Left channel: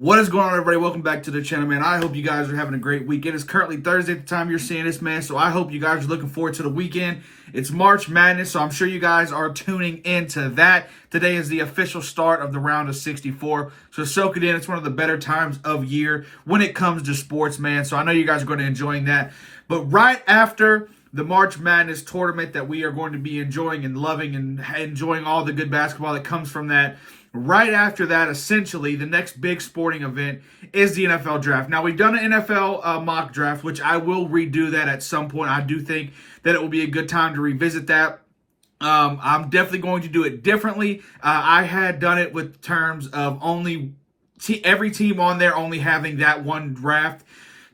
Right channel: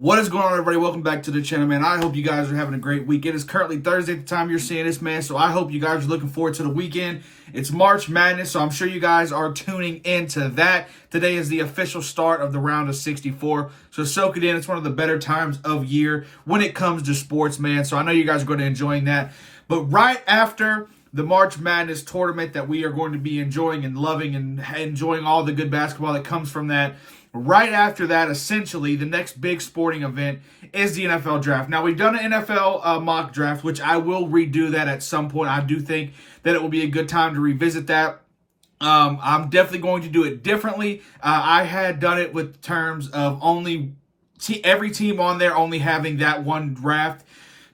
What is going on, everybody? Welcome back to the channel, man. I hope you guys are having a great week. It is currently Thursday at the time you're seeing this, man. So I hope you guys are looking forward to the weekend. It's March Madness, so I'm sure you guys are tuning into that. Today is the official start of the round of 64. So soak it in. It's one of the better times of year when it comes to sports, man. So I know you guys are going to enjoy that. But right after the March Madness tournament that we are going to be enjoying and loving and enjoying all the good basketball that comes from that, right after that, essentially, the next big sporting event is the NFL draft. Now, we've done an NFL mock draft, which I will redo that at some point. I do think that it will be a good time to revisit that. I'm definitely going to do it differently. I had done it with terms of only every team on there only having that one draft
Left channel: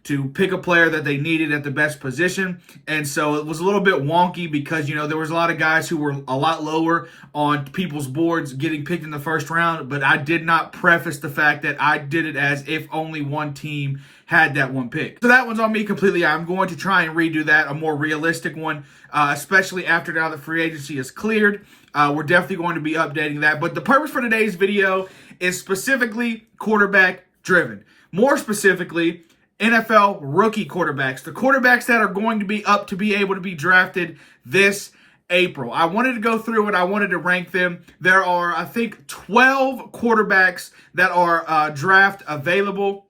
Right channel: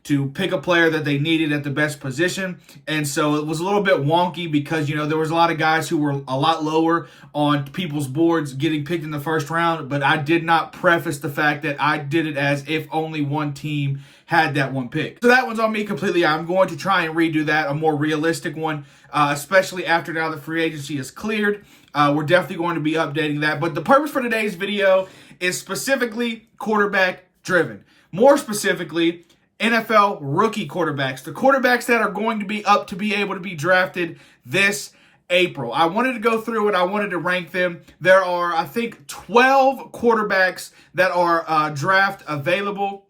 to pick a player that they needed at the best position. And so it was a little bit wonky because, there was a lot of guys who were a lot lower on people's boards getting picked in the first round, but I did not preface the fact that I did it as if only one team had that one pick. So that one's on me completely. I'm going to try and redo that, a more realistic one, especially after now the free agency is cleared. We're definitely going to be updating that. But the purpose for today's video is specifically quarterback driven. More specifically, NFL rookie quarterbacks, the quarterbacks that are going to be up to be able to be drafted this April. I wanted to go through and I wanted to rank them. There are, I think, 12 quarterbacks that are draft available,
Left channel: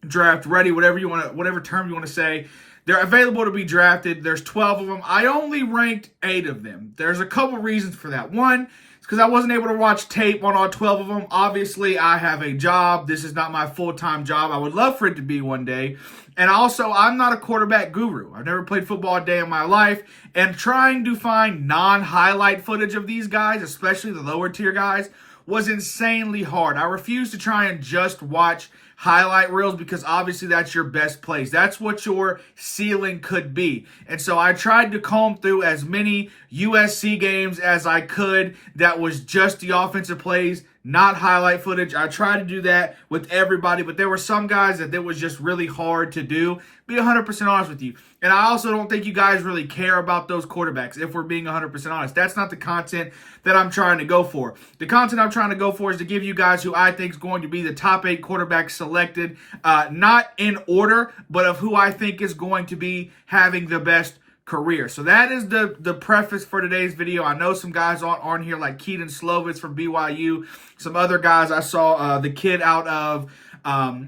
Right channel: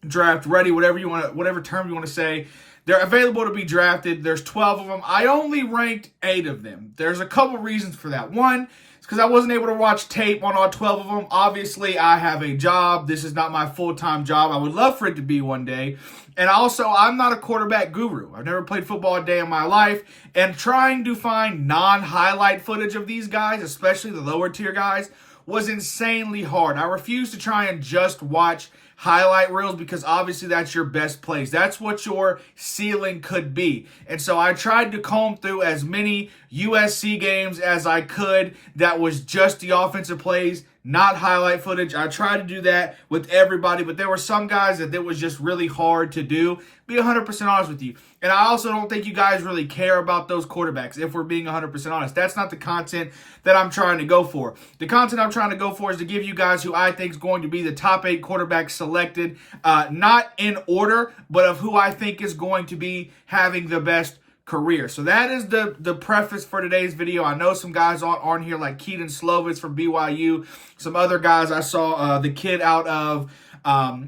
draft ready, whatever term you want to say. They're available to be drafted. There's 12 of them. I only ranked 8 of them. There's a couple reasons for that. One, because I wasn't able to watch tape on all 12 of them. Obviously, I have a job. This is not my full-time job. I would love for it to be one day. And also, I'm not a quarterback guru. I've never played football a day in my life. And trying to find non-highlight footage of these guys, especially the lower-tier guys, was insanely hard. I refuse to try and just watch highlight reels because obviously that's your best plays. That's what your ceiling could be. And so I tried to comb through as many USC games as I could that was just the offensive plays, not highlight footage. I tried to do that with everybody, but there were some guys that it was just really hard to do. Be 100% honest with you. And I also don't think you guys really care about those quarterbacks, if we're being 100% honest. That's not the content that I'm trying to go for. The content I'm trying to go for is to give you guys who I think is going to be the top 8 quarterbacks selected, not in order, but of who I think is going to be having the best career. So that is the preface for today's video. I know some guys on here like Keaton Slovis from BYU. Some other guys I saw, the kid out of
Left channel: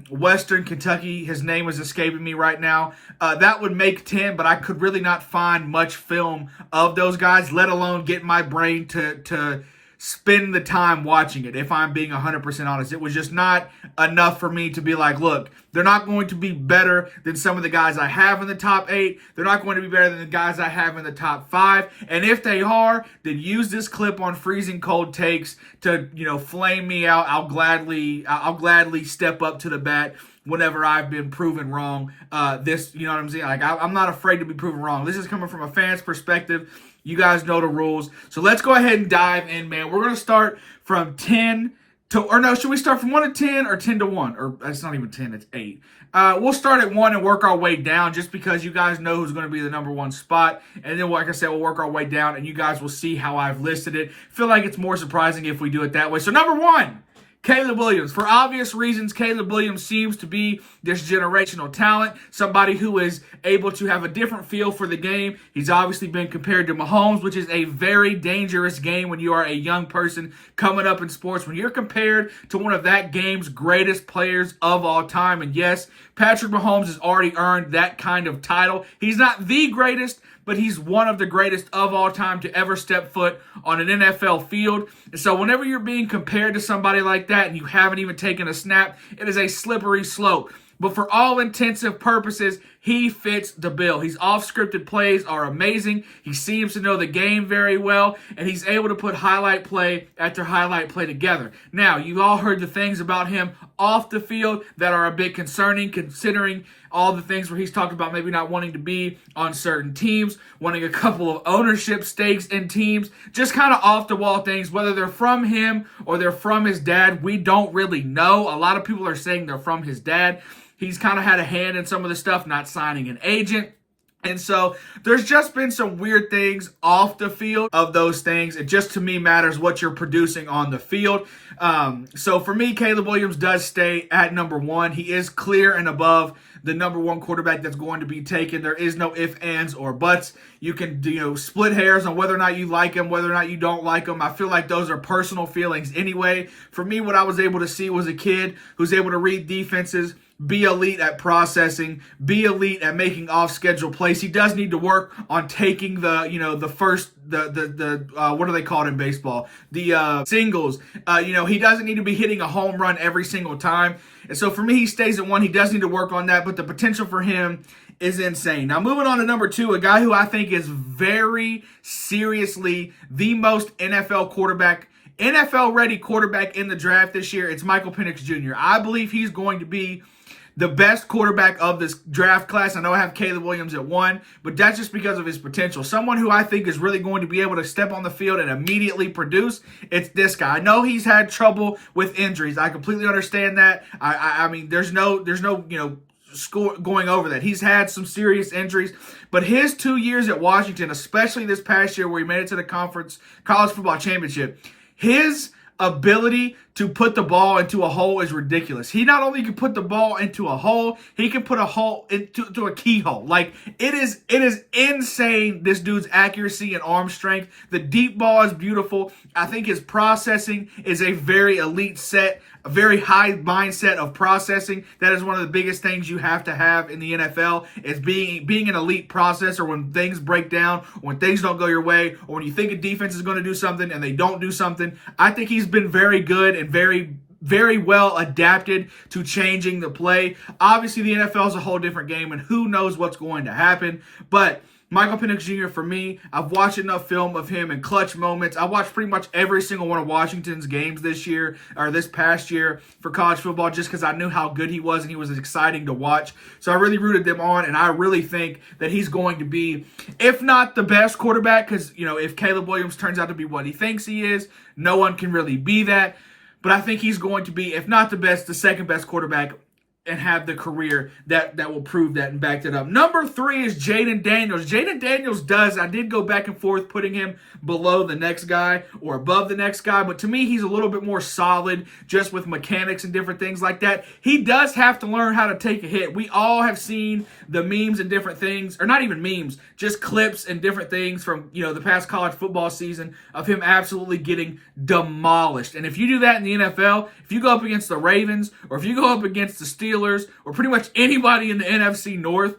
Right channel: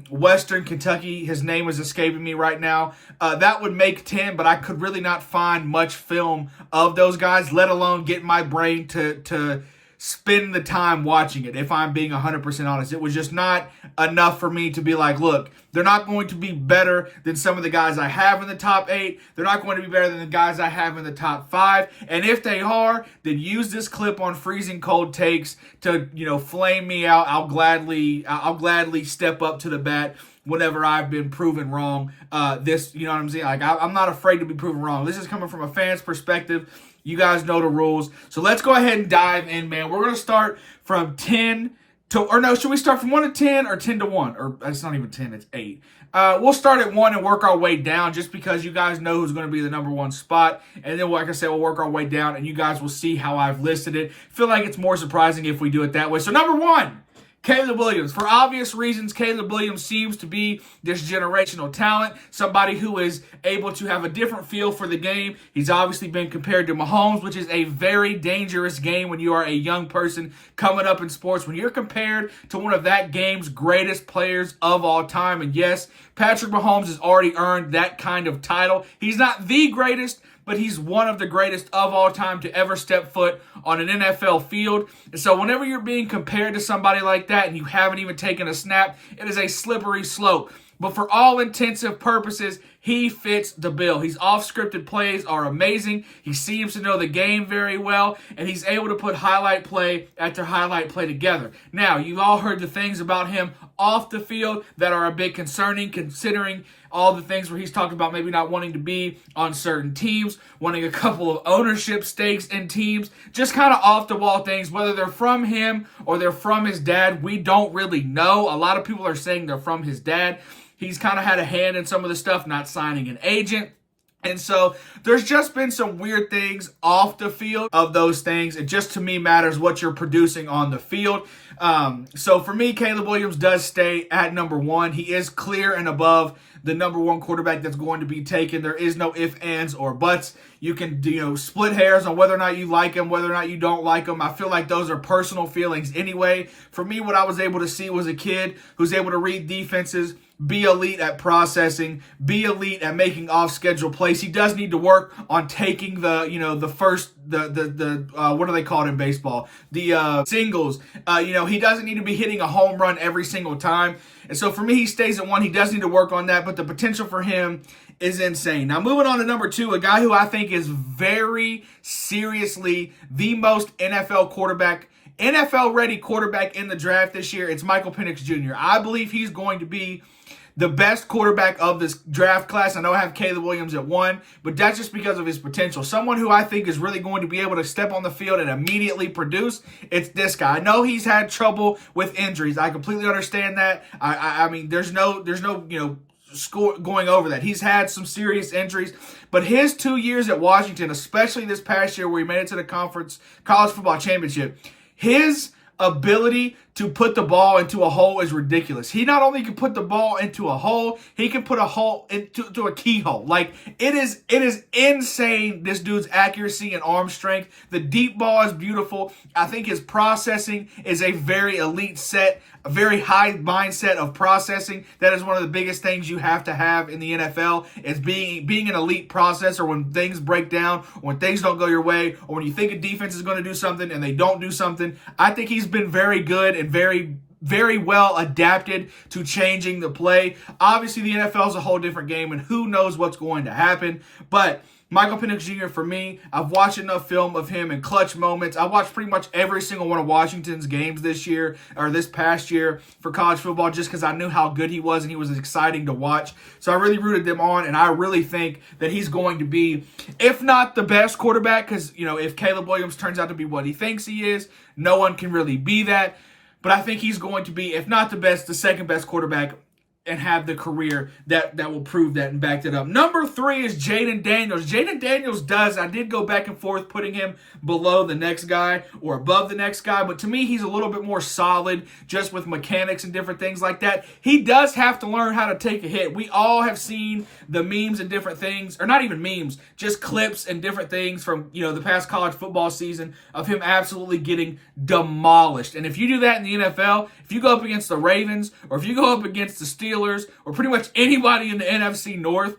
Western Kentucky, his name is escaping me right now. That would make 10, but I could really not find much film of those guys, let alone get my brain to spend the time watching it, if I'm being 100% honest. It was just not enough for me to be like, look, they're not going to be better than some of the guys I have in the top 8. They're not going to be better than the guys I have in the top 5. And if they are, then use this clip on Freezing Cold Takes to, flame me out. I'll gladly step up to the bat whenever I've been proven wrong. You know what I'm saying? Like, I'm not afraid to be proven wrong. This is coming from a fan's perspective. You guys know the rules. So let's go ahead and dive in, man. We're going to start from 10 to, or no, should we start from 1 to 10 or 10 to 1? Or it's not even 10, it's 8. We'll start at 1 and work our way down just because you guys know who's going to be the number 1 spot. And then, like I said, we'll work our way down and you guys will see how I've listed it. Feel like it's more surprising if we do it that way. So number 1. Caleb Williams. For obvious reasons, Caleb Williams seems to be this generational talent, somebody who is able to have a different feel for the game. He's obviously been compared to Mahomes, which is a very dangerous game when you are a young person coming up in sports. When you're compared to one of that game's greatest players of all time, and yes, Patrick Mahomes has already earned that kind of title. He's not the greatest, but he's one of the greatest of all time to ever step foot on an NFL field. And so whenever you're being compared to somebody like that and you haven't even taken a snap, it is a slippery slope. But for all intensive purposes, he fits the bill. His off-scripted plays are amazing. He seems to know the game very well, and he's able to put highlight play after highlight play together. Now, you've all heard the things about him off the field that are a bit concerning, considering all the things where he's talked about maybe not wanting to be on certain teams, wanting a couple of ownership stakes in teams, just kind of off-the-wall things, whether they're from him or they're from his dad, we don't really know. A lot of people are saying they're from his dad. He's kind of had a hand in some of the stuff, not signing an agent. And so there's just been some weird things off the field of those things. It just, to me, matters what you're producing on the field. So for me, Caleb Williams does stay at number one. He is clear and above the number one quarterback that's going to be taken. There is no ifs, ands, or buts. You can, split hairs on whether or not you like him, whether or not you don't like him. I feel like those are personal feelings anyway. For me, what I was able to see was a kid who's able to read defenses, be elite at processing, be elite at making off-schedule plays. He does need to work on taking the first what are they called in baseball? The singles. He doesn't need to be hitting a home run every single time. And so for me, he stays at one. He does need to work on that, but the potential for him is insane. Now, moving on to number two, a guy who I think is very seriously the most NFL-ready quarterback in the draft this year. It's Michael Penix Jr. I believe he's going to be the best quarterback of this draft class. I know I have Caleb Williams at one, but that's just because of his potential. Someone who I think is really going to be able to step on the field and immediately produce, it's this guy. I know he's had trouble with injuries. I completely understand that. I mean, there's no score going over that. He's had some serious injuries, but his 2 years at Washington, especially this past year where he made it to the college football championship, his ability to put the ball into a hole is ridiculous. He not only can put the ball into a hole, he can put a hole into a keyhole. Like, it is insane, this dude's accuracy and arm strength. The deep ball is beautiful. I think his processing is a very elite set, a very high mindset of processing. That is one of the biggest things you have to have in the NFL, is being an elite processor when things break down, or when things don't go your way, or when you think a defense is going to do something and they don't do something. I think he's been very good and very, very well adapted to changing the play. Obviously, the NFL is a whole different game, and who knows what's going to happen. But Michael Penix Jr., for me, I've watched enough film of him in clutch moments. I watched pretty much every single one of Washington's games this past year for college football, just because I knew how good he was and he was exciting to watch. So I really rooted them on, and I really think that he's going to be, if not the best quarterback, because, if Caleb Williams turns out to be what he thinks he is, no one can really be that. But I think he's going to be, if not the best, the second best quarterback, and have the career that will prove that and back it up. Number three is Jayden Daniels. Jayden Daniels I did go back and forth putting him below the next guy or above the next guy, but to me, he's a little bit more solid just with mechanics and different things like that. He does have to learn how to take a hit. We all have seen the memes and different things, or not even memes, just clips and different things from, the past college football season of him absolutely getting demolished. And if you do that in the NFL, if you go up against the Ravens, or if you go up against the Steelers, or pretty much anybody in the AFC North,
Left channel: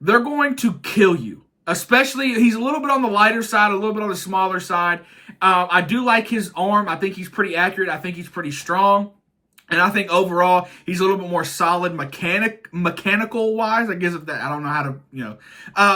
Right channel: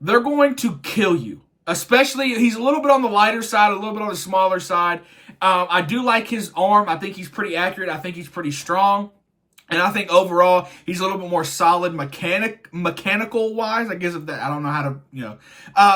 they're going to kill you. Especially, he's a little bit on the lighter side, a little bit on the smaller side. I do like his arm. I think he's pretty accurate. I think he's pretty strong. And I think overall, he's a little bit more solid mechanical-wise. I guess I don't know how to,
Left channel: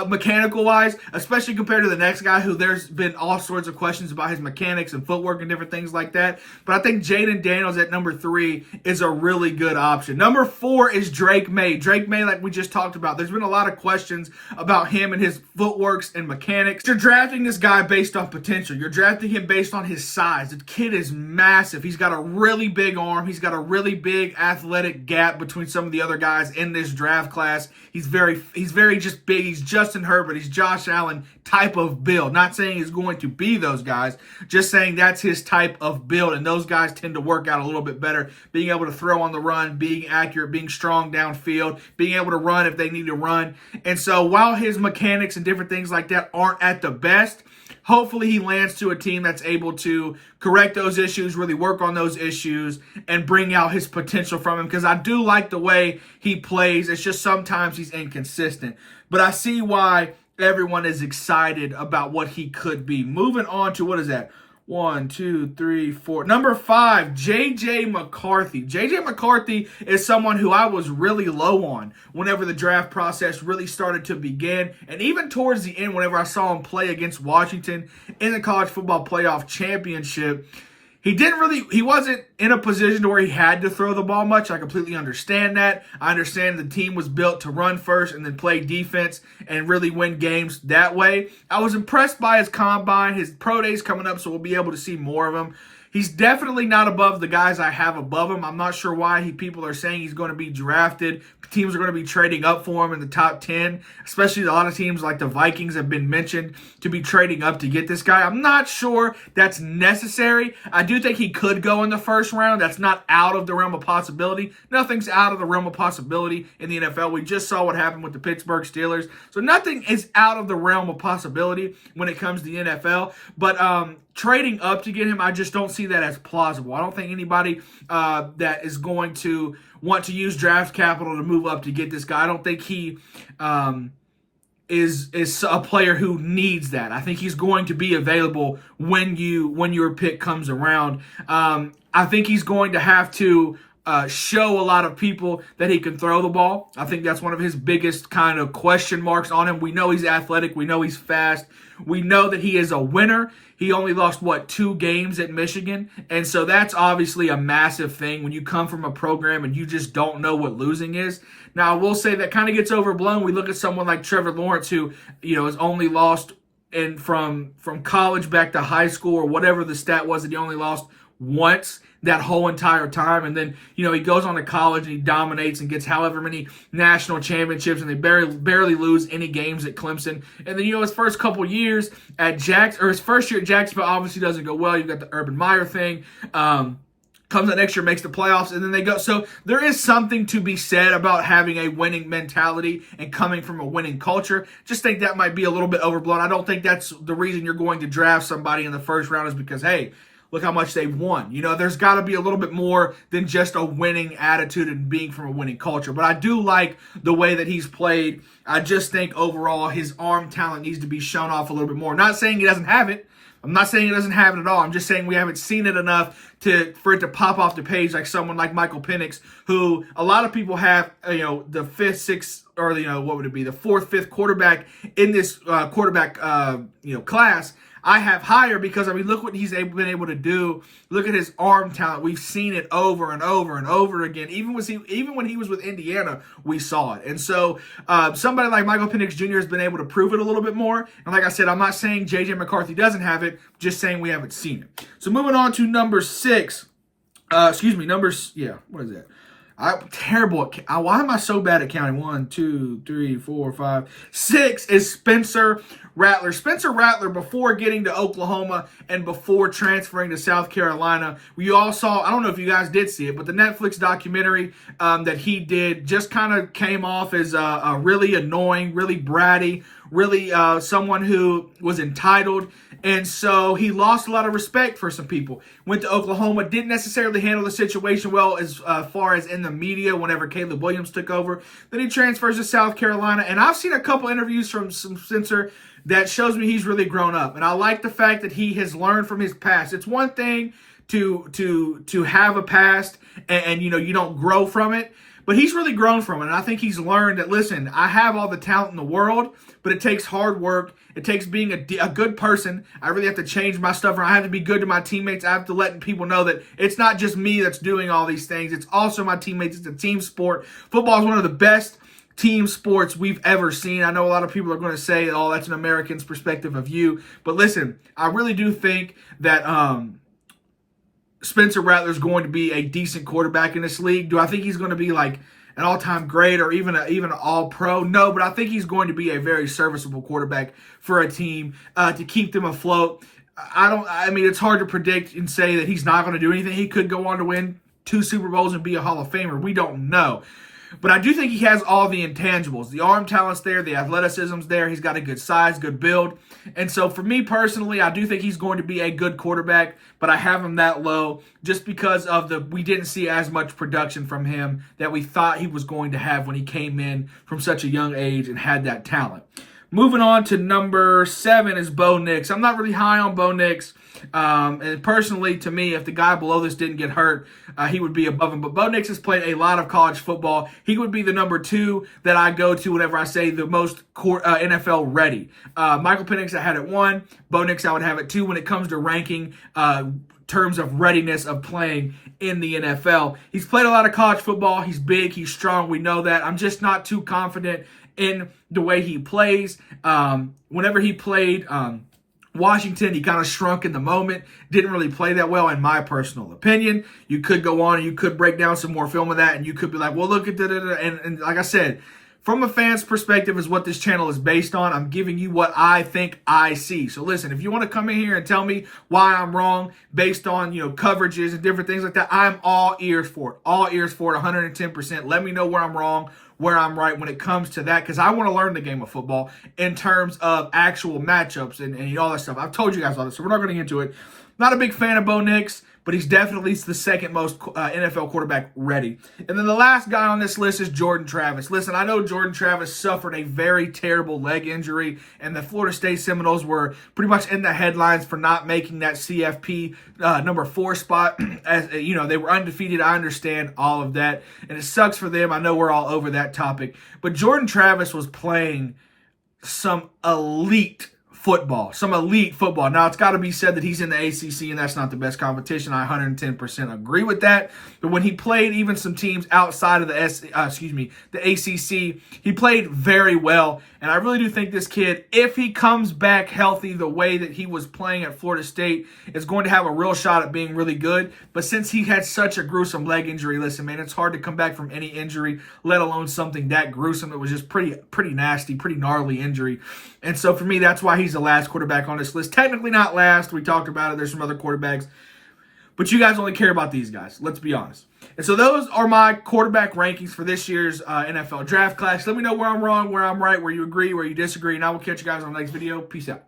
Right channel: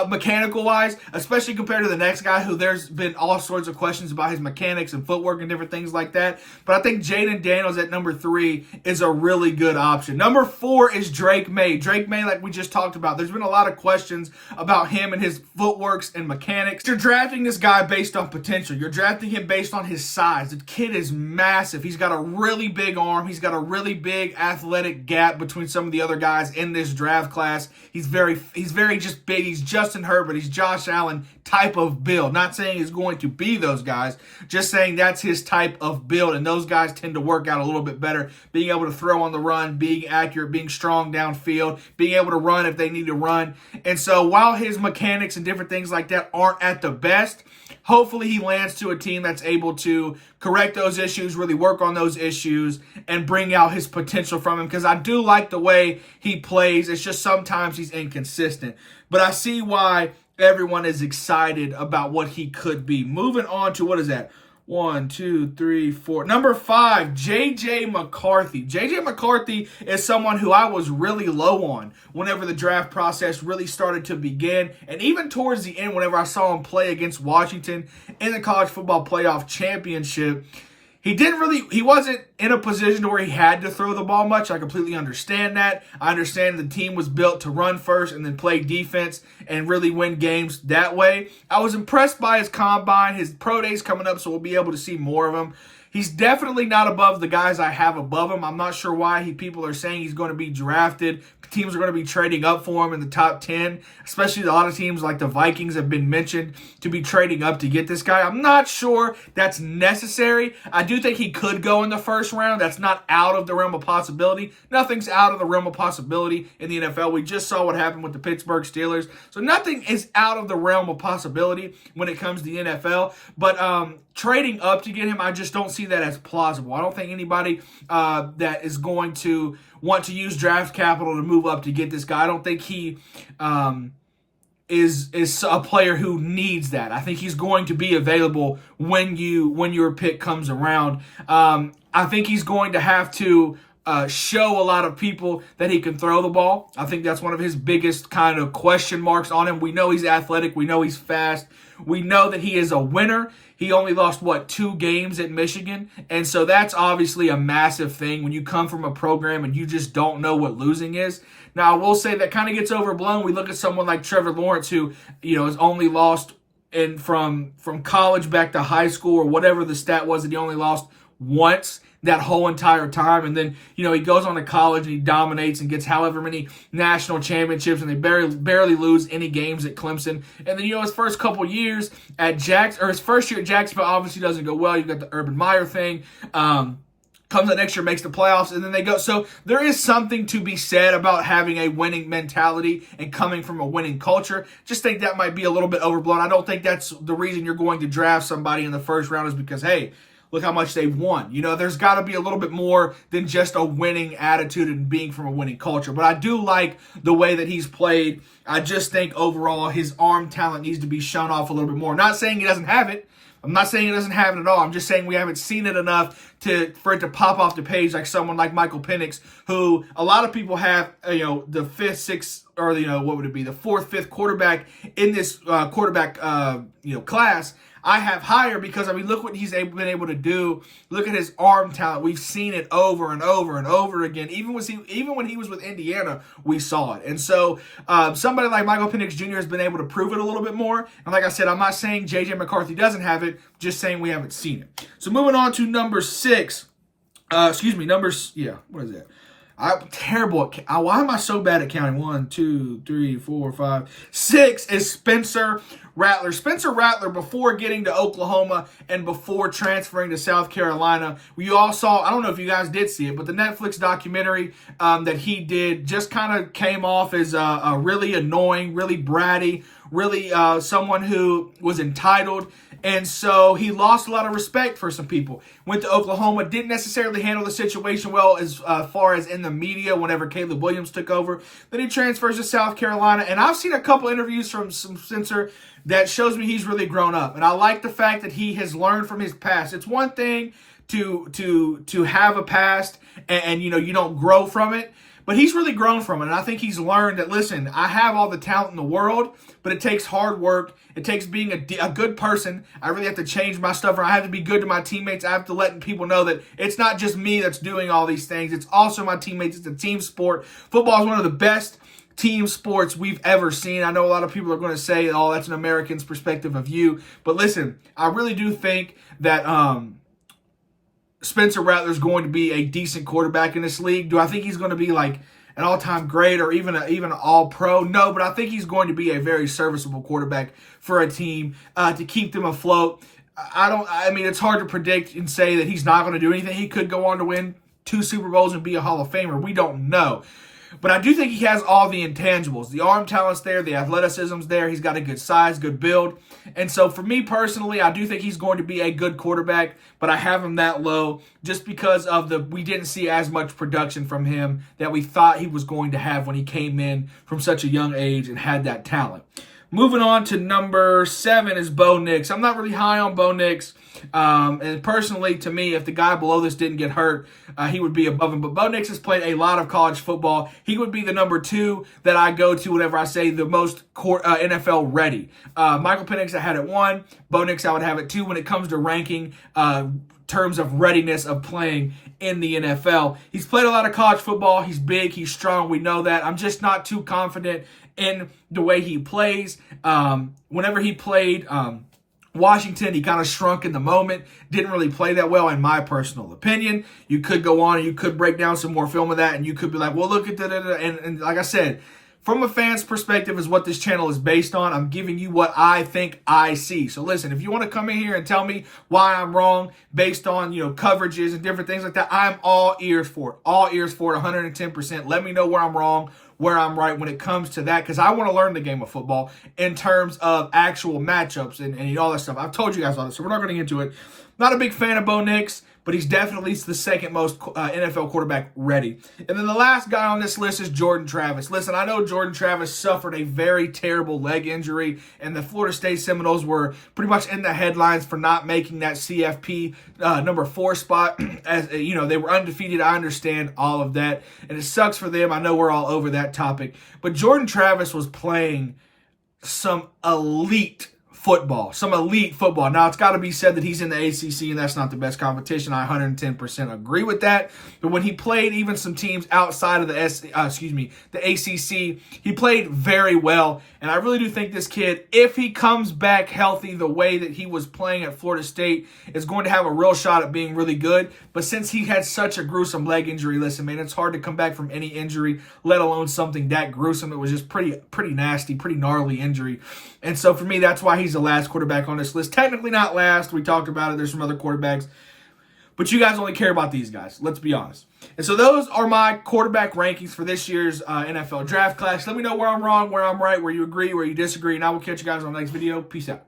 mechanical-wise, especially compared to the next guy who there's been all sorts of questions about his mechanics and footwork and different things like that. But I think Jayden Daniels at number three is a really good option. Number four is Drake May. Drake May, like we just talked about, there's been a lot of questions about him and his footworks and mechanics. You're drafting this guy based on potential. You're drafting him based on his size. The kid is massive. He's got a really big arm. He's got a really big athletic gap between some of the other guys in this draft class. He's very just big. He's Justin Herbert. He's Josh Allen type of build. Not saying he's going to be those guys, just saying that's his type of build. And those guys tend to work out a little bit better, being able to throw on the run, being accurate, being strong downfield, being able to run if they need to run. And so while his mechanics and different things like that aren't at the best, hopefully he lands to a team that's able to correct those issues, really work on those issues, and bring out his potential from him. Because I do like the way he plays. It's just sometimes he's inconsistent. But I see why everyone is excited about what he could be. Moving on to, what is that? 1, 2, 3, 4. Number 5, J.J. McCarthy. J.J. McCarthy is someone who I was really low on whenever the draft process really started to begin. And even towards the end, whenever I saw him play against Washington in the College Football Playoff Championship, he wasn't in a position to where he had to throw the ball much. I completely understand that. I understand the team was built to run first and then play defense and really win games that way. I was impressed by his combine, his pro days coming up, so we'll be able to see more of him. He's definitely not above the guys I have above him. I'm not sure why people are saying he's going to be drafted. Teams are going to be trading up for him in the top 10, especially a lot of teams like the Vikings have been mentioned to be trading up to get this guy. I'm not sure that's necessary. I do think he could go in the first round. That's not out of the realm of possibility. Nothing's out of the realm of possibility in the NFL. We just saw what happened with the Pittsburgh Steelers. So nothing is out of the realm of possibility when it comes to the NFL. But trading up to get him, I just don't see that as plausible. I don't think anybody that is going to want to use draft capital to move up to get this guy. I don't think he is a player who needs that. I think he's going to be available when your pick comes around. I think he's going to have to show a lot of people that he can throw the ball. I think that's one of his biggest kind of question marks on him. We know he's athletic. We know he's fast. We know that he is a winner. He only lost, 2 games at Michigan? And so that's obviously a massive thing when you come from a program and you just don't know what losing is. Now, I will say that kind of gets overblown. We look at someone like Trevor Lawrence who, has only lost from college back to high school or whatever the stat was, that he only lost once that whole entire time. And then, he goes on to college and he dominates and gets however many national championships, and they barely lose any games at Clemson. And then, his first couple years at his first year at Jacksonville obviously doesn't go well. You've got the Urban Meyer thing. Comes out next year, makes the playoffs, and then they go. So there is something to be said about having a winning mentality and coming from a winning culture. Just think that might be a little bit overblown. I don't think that's the reason you're going to draft somebody in the first round is because, hey, look how much they won. There's got to be a little bit more than just a winning attitude and being from a winning culture. But I do like the way that he's played. I just think overall his arm talent needs to be shown off a little bit more. Not saying he doesn't have it. I'm not saying he doesn't have it at all. I'm just saying we haven't seen it enough for it to pop off the page like someone like Michael Penix, who a lot of people have, the fifth, sixth, or what would it be, the fourth, fifth quarterback in this quarterback class. I have higher because, look what he's been able to do. Look at his arm talent. We've seen it over and over and over again. Even when he was with Indiana, we saw it. And so somebody like Michael Penix Jr. has been able to prove it a little bit more. And like I said, I'm not saying J.J. McCarthy doesn't have it, just saying we haven't seen it. So moving on to number 6. What is that? I'm terrible at why am I so bad at counting? 1, 2, 3, 4, 5, 6 is Spencer Rattler. Spencer Rattler, before getting to Oklahoma and before transferring to South Carolina, we all saw, I don't know if you guys did see it, but the Netflix documentary that he did just kind of came off as a really annoying, really bratty, really someone who was entitled. And so he lost a lot of respect for some people. Went to Oklahoma, didn't necessarily handle the situation well as far as in the media whenever Caleb Williams took over. Then he transfers to South Carolina. And I've seen a couple interviews from Spencer that shows me he's really grown up. And I like the fact that he has learned from his past. It's one thing to have a past and you don't grow from it. But he's really grown from it, and I think he's learned that, listen, I have all the talent in the world, but it takes hard work. It takes being a good person. I really have to change my stuff. I have to be good to my teammates. I have to let people know that it's not just me that's doing all these things. It's also my teammates. It's a team sport. Football is one of the best team sports we've ever seen. I know a lot of people are going to say, oh, that's an American's perspective of you. But listen, I really do think that Spencer Rattler is going to be a decent quarterback in this league. Do I think he's going to be like an all-time great or even an all-pro? No, but I think he's going to be a very serviceable quarterback for a team to keep them afloat. It's hard to predict and say that he's not going to do anything. He could go on to win 2 Super Bowls and be a Hall of Famer. We don't know. But I do think he has all the intangibles. The arm talent's there. The athleticism's there. He's got a good size, good build. And so for me personally, I do think he's going to be a good quarterback, but I have him that low just because of we didn't see as much production from him that we thought he was going to have when he came in from such a young age and had that talent. Moving on to number 7 is Bo Nix. I'm not really high on Bo Nix. And personally, to me, if the guy below this didn't get hurt, he would be above him. But Bo Nix has played a lot of college football. He would be the number 2 that I go to whenever I say the most NFL ready. Michael Penix, I had at 1. Bo Nix, I would have at 2 when it comes to ranking terms of readiness of playing in the NFL. He's played a lot of college football. He's big. He's strong. We know that. I'm just not too confident in the way he plays. Whenever he played Washington, he kind of shrunk in the moment, didn't really play that well, in my personal opinion. You could go on and you could break down some more film of that, and you could be like, well, look at that. And like I said, from a fan's perspective is what this channel is based on. I'm giving you what I think I see. So listen, if you want to come in here and tell me why I'm wrong based on, coverages and different things like that, I'm all ears for it. All ears for it, 110%. Let me know where I'm wrong, where I'm right when it comes to that, because I want to learn the game of football in terms of actual matchups and all that stuff. I've told you guys all this, so we're not going to get into it. Not a big fan of Bo Nix, but he's definitely the second most NFL quarterback ready. And then the last guy on this list is Jordan Travis. Listen, I know Jordan Travis suffered a very terrible leg injury, and the Florida State Seminoles were pretty much in the headlines for not making that CFP number 4 spot. As they were undefeated. I understand all of that, and it sucks for them. I know we're all over that topic, but Jordan Travis was playing some elite football. Now, it's got to be said that he's in the ACC, and that's not the best competition. I 110% agree with that. But when he played even some teams outside of the ACC, he played very well. And I really do think this kid, if he comes back healthy the way that he was playing at Florida State, is going to have a real shot at being really good. But since he had such a gruesome leg injury, listen, man, it's hard to come back from any injury, let alone something that gruesome. It was just pretty nasty, pretty gnarly injury. And so for me, that's why he's the last quarterback on this list. Technically not last. We talked about it. There's some other quarterbacks. But you guys only care about these guys. Let's be honest. And so those are my quarterback rankings for this year's NFL draft class. Let me know where I'm wrong, where I'm right, where you agree, where you disagree. And I will catch you guys on the next video. Peace out.